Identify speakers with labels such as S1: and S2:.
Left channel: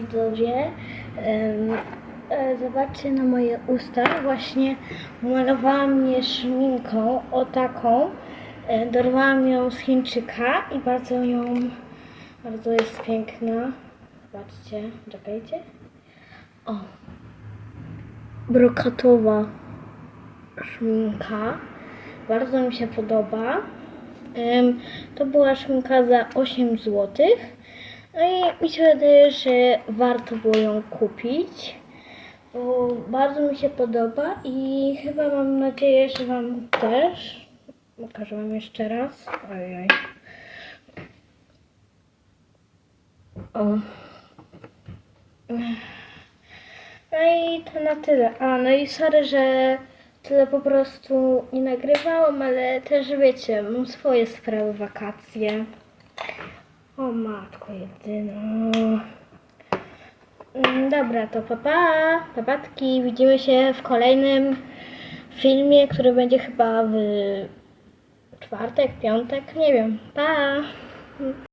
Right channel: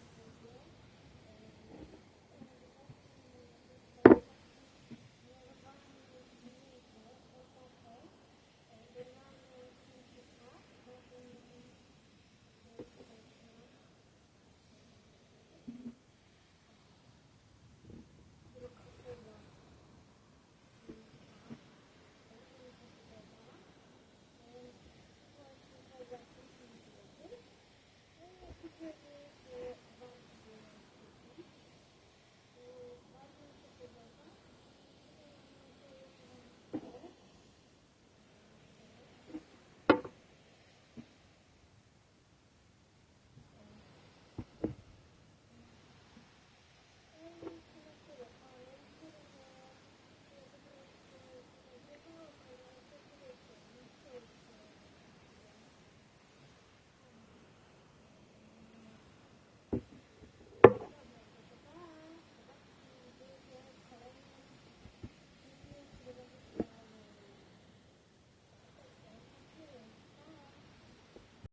S1: widzowie. E, Zobaczcie na moje usta. Właśnie malowałam je szminką, o taką. E, Dorwałam ją z Chińczyka i bardzo ją, bardzo jest piękna. Zobaczcie, czekajcie. O, brokatowa szminka. Bardzo mi się podoba. To była szminka za 8 zł. No i mi się wydaje, że warto było ją kupić. Bo bardzo mi się podoba i chyba mam nadzieję, że Wam też. Pokażę Wam jeszcze raz. Ojej. O. No i to na tyle. A, no i sorry, że tyle po prostu nie nagrywałam, ale też wiecie, mam swoje sprawy, wakacje. O matko jedyna. Mm, Dobra, to papa, papatki. Widzimy się w kolejnym filmie, który będzie chyba w czwartek, piątek, nie wiem. Pa!